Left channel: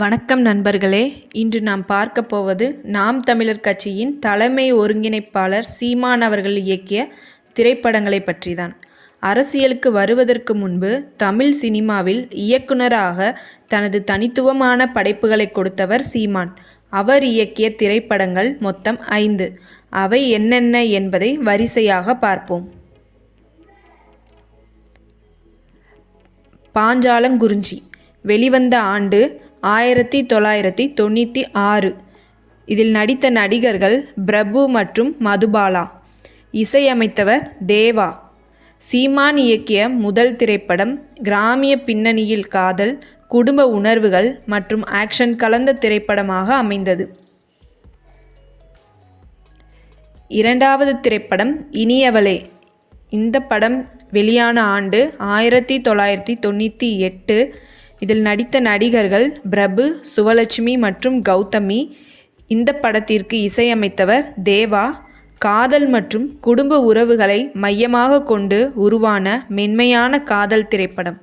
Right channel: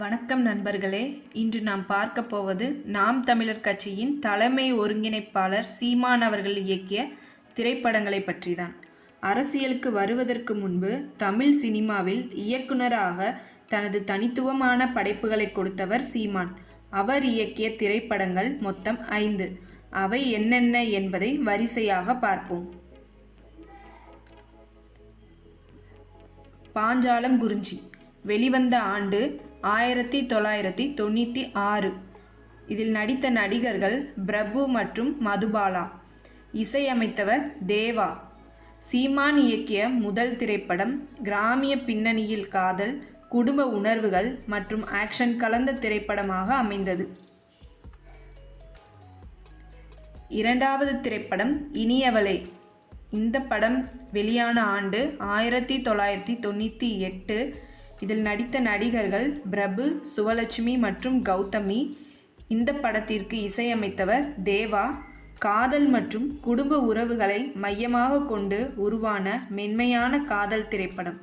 வணக்கம் நண்பர்களே. இன்று நாம் பார்க்க போவது நாம் தமிழர் கட்சியின் தலைமை ஒருங்கிணைப்பாளர் சீமான் அவர்கள் இயக்கிய திரைப்படங்களை பற்றிதான். அரசியலுக்கு வருவதற்கு முன்பு தமிழ் சினிமாவில் இயக்குனராக தனது தனித்துவமான படைப்புகளை கொடுத்தவர் சீமான். அவர் இயக்கிய திரைப்படங்கள் மொத்தம் 5. அவை என்னென்ன என்பதை வரிசையாக பார்ப்போம். பாஞ்சாலங்குறிஞ்சி வெளிவந்த ஆண்டு 1996. இதில் நடித்த நடிகர்கள் பிரபு மற்றும் மதுபாலா. இசையமைத்தவர் தேவா. சீமான் இயக்கிய முதல் திரைப்படம் கிராமிய பின்னணியில் காதல், குடும்ப உணர்வுகள் மற்றும் ஆக்ஷன் கலந்த திரைப்படமாக அமைந்தது. இரண்டாவது திரைப்படம் இனியவளே. இந்த படம் வெளியான ஆண்டு 1998. இதில் நடித்த நடிகர்கள் பிரபு, சுவலட்சுமி மற்றும் கௌதமி. இந்த படத்திற்கு இசையமைத்தவர் தேவா. காதல் மற்றும் குடும்ப உறவுகளை மையமாக கொண்டு உருவான மென்மையான காதல் திரைப்படம்.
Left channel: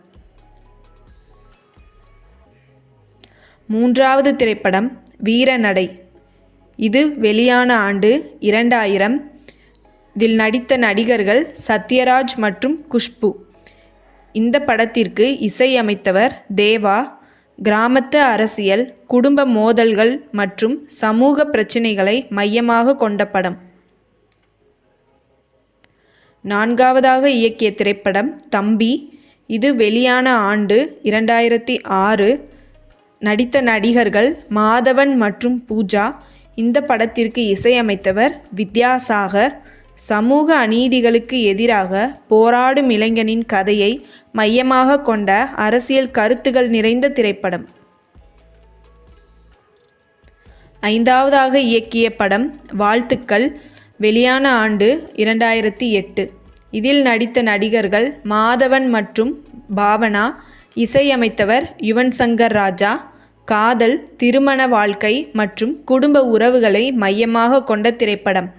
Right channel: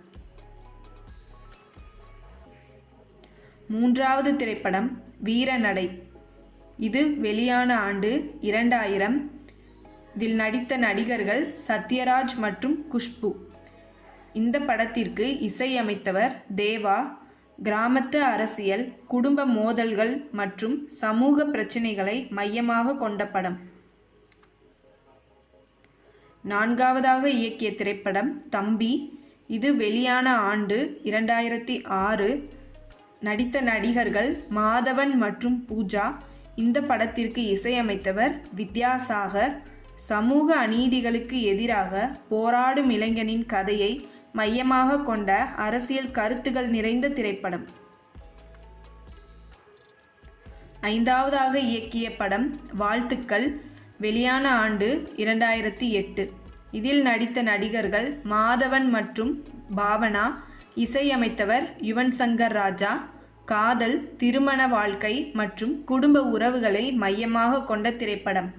மூன்றாவது திரைப்படம் வீரநடை. இது வெளியான ஆண்டு 2000. இதில் நடித்த நடிகர்கள் சத்யராஜ் மற்றும் குஷ்பு. இந்த படத்திற்கு இசையமைத்தவர் தேவா. கிராமத்து அரசியல், குடும்ப மோதல்கள் மற்றும் சமூக பிரச்சினைகளை மையமாக கொண்ட படம். நான்காவதாக இயக்கிய திரைப்படம் தம்பி. இது வெளியான ஆண்டு 2006. நடித்த நடிகர்கள் மாதவன் மற்றும் பூஜா. இந்த படத்திற்கு இசையமைத்தவர் வித்யாசாகர். சமூக அநீதிகளுக்கு எதிராக போராடும் இளைஞனின் கதையை மையமாக கொண்ட அரசியல் கருத்துகள் நிறைந்த திரைப்படம். ஐந்தாவதாக இயக்கிய படம் வாழ்த்துக்கள். வெளியான ஆண்டு 2008. இதில் நடித்த நடிகர்கள் மாதவன் மற்றும் பாவனா. இசையமைத்தவர் யுவன் சங்கர் ராஜா. காதல், திருமண வாழ்க்கை மற்றும் குடும்ப உறவுகளை மையமாக கொண்ட திரைப்படம்.